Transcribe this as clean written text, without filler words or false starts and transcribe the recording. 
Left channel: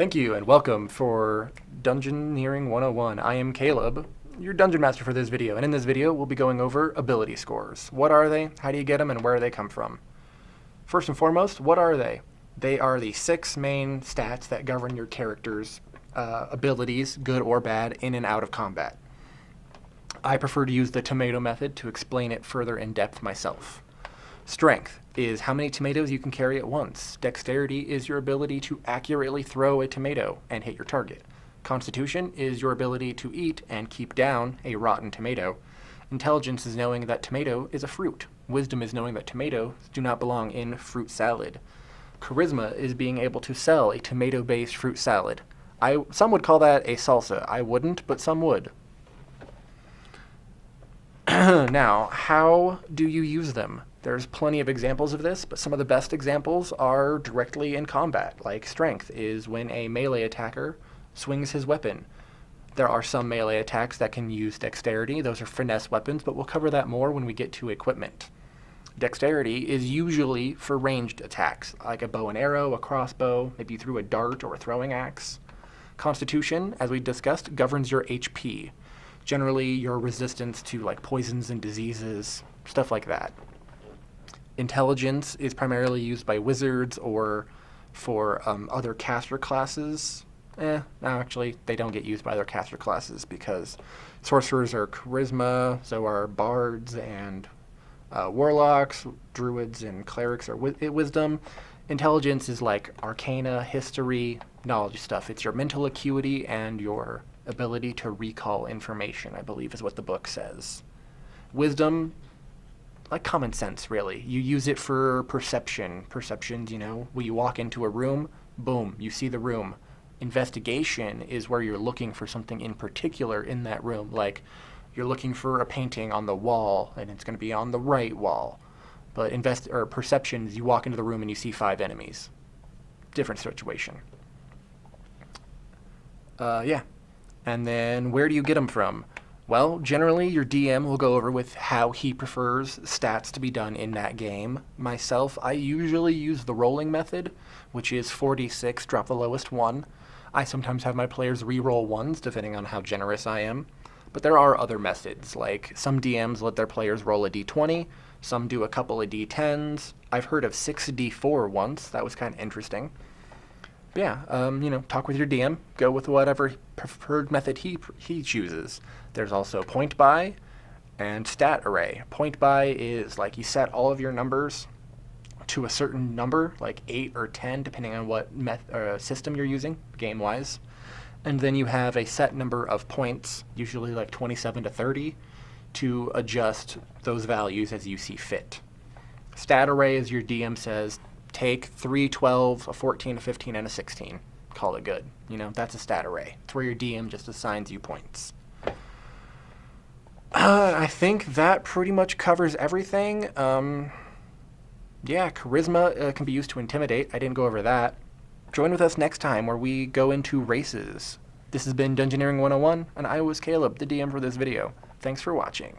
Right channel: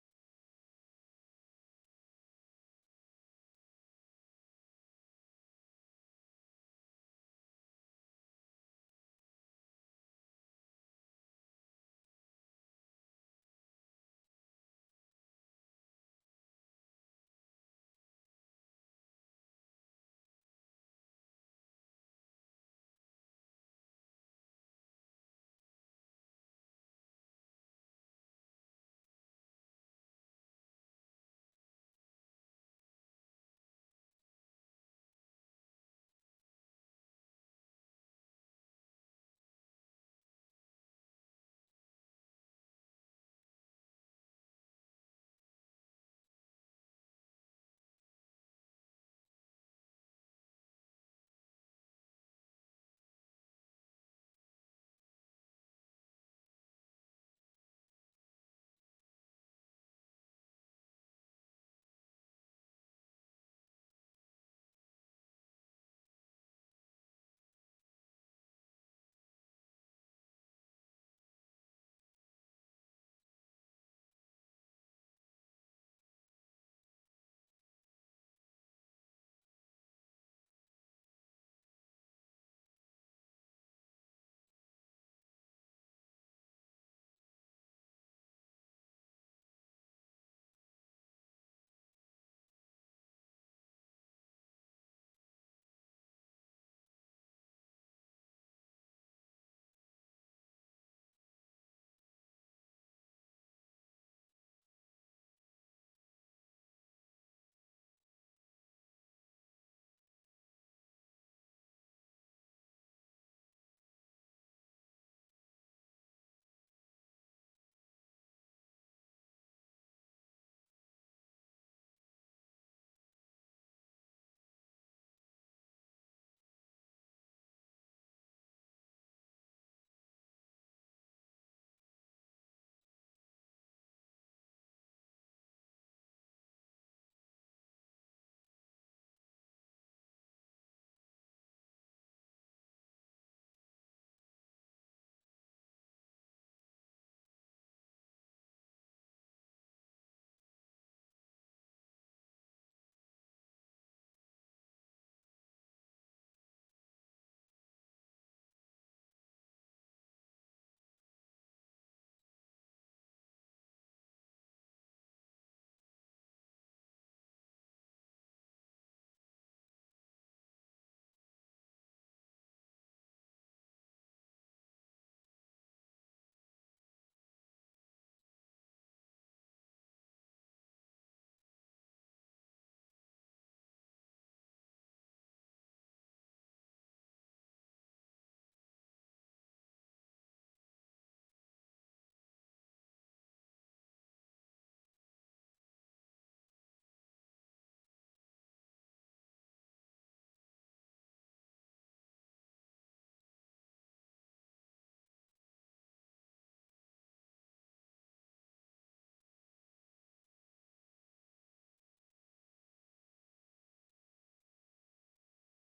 Thank you and welcome for Dungeoneering 101. I am Caleb, your dungeon master for this video, and in this video we'll be going over ability scores. What are they, how do you get them, and where do they come from? First and foremost, what are they? They are the 6 main stats that govern your character's abilities, good or bad, in and out of combat. I prefer to use the tomato method to explain it further in depth myself. Strength is how many tomatoes you can carry at once. Dexterity is your ability to accurately throw a tomato and hit your target. Constitution is your ability to eat and keep down a rotten tomato. Intelligence is knowing that tomato is a fruit. Wisdom is knowing that tomatoes do not belong in fruit salad. Charisma is being able to sell a tomato-based fruit salad. Some would call that a salsa. I wouldn't, but some would. Now, how do you use them? There's plenty of examples of this, but some of the best examples are directly in combat, like strength is when a melee attacker swings his weapon. There are some melee attacks that can use dexterity. Those are finesse weapons, but we'll cover that more when we get to equipment. Dexterity is usually for ranged attacks, like a bow and arrow, a crossbow, maybe through a dart or a throwing axe. Constitution, as we discussed, governs your HP. Generally, your resistance to like poisons and diseases, stuff like that. Intelligence is primarily used by wizards or for other caster classes. No, actually, they don't get used by other caster classes because sorcerers are charisma, so are bards and warlocks, druids and clerics are wisdom. Intelligence is like arcana, history, knowledge stuff. It's your mental acuity and your ability to recall information, I believe is what the book says. Wisdom, like common sense, really. You use it for perception. Perceptions, when you walk into a room, boom, you see the room. Investigation is where you're looking for something in particular in that room, like you're looking for a painting on the wall, and it's going to be on the right wall. But perception is you walk into the room and you see 5 enemies. Different situation. Yeah. And then where do you get them from? Well, generally your DM will go over with how he prefers stats to be done in that game. Myself, I usually use the rolling method, which is 4d6, drop the lowest one. I sometimes have my players re-roll ones, depending on how generous I am. But there are other methods, like some DMs let their players roll a d20, some do a couple of d10s. I've heard of 6d4 once, that was kind of interesting. But yeah, talk with your DM, go with whatever preferred method he chooses. There's also point buy and stat array. Point buy is like you set all of your numbers to a certain number, like 8 or 10, depending on what system you're using, game-wise. And then you have a set number of points, usually like 27 to 30, to adjust those values as you see fit. Stat array is your DM says, take 3, 12, a 14, a 15, and a 16. Call it good. That's a stat array. It's where your DM just assigns you points. I think that pretty much covers everything. Yeah, charisma can be used to intimidate. I didn't go over that. Join with us next time where we go into races. This has been Dungeoneering 101, and I was Caleb, the DM for this video. Thanks for watching.